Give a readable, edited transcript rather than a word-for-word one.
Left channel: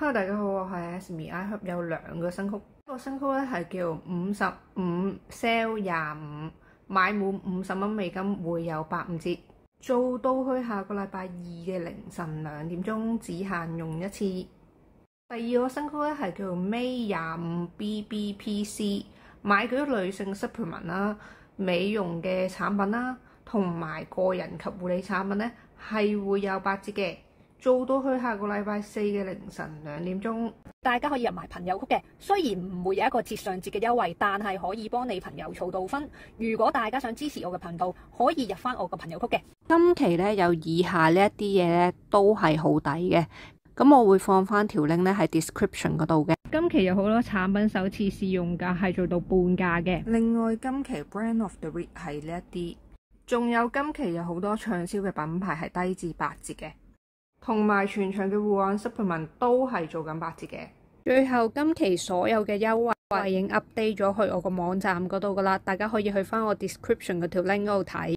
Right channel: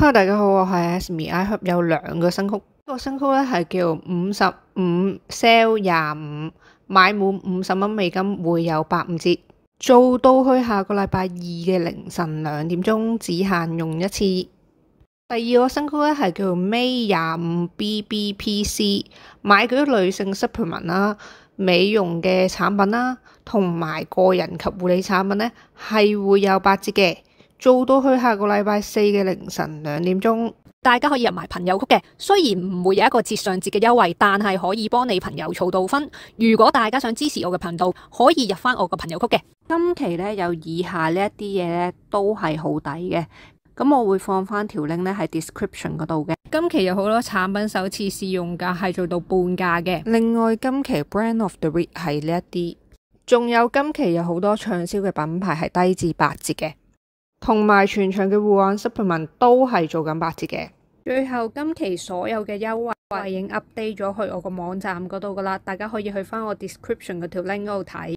Hello，大家好，我係 Asmi。iHerb 有兩個新曲，一個新曲咧係叫55 sale 25，買滿50蚊美金會有85折，做到去下個禮拜二嘅凌晨2點鐘，只限用一次。第二個新曲咧係叫 May 25 BBPC， 買嗰啲女性 supplement 啦、美容嘅產品啦，同埋個人及護理產品咧係會有8折嘅。做到去下個禮拜4嘅凌晨2點鐘，大家可以入埋朋友曲嘅，雖然唔會有一個節上節嘅優惠，但係可以幫你朋友儲到分。如果大家想支持我嘅頻道，可以入翻我個朋友曲嘅。今期咧有以下呢一啲嘢咧都係好抵嘅，咁我會放翻條 link 咧喺 description 嗰度嘅。今期有好多產品首次試用價係做到半價嘅。另外今期 Brand of the Week 係呢一啲，仲有今期有好多暢銷嘅品牌係低至8折嘅。同埋全場嘅護眼 supplement 都係做緊8折嘅。最後今期所有嘅優惠已經 update 咗去我個網站嗰度噶啦，大家可以去翻我 description 嗰條 link 嗰度睇。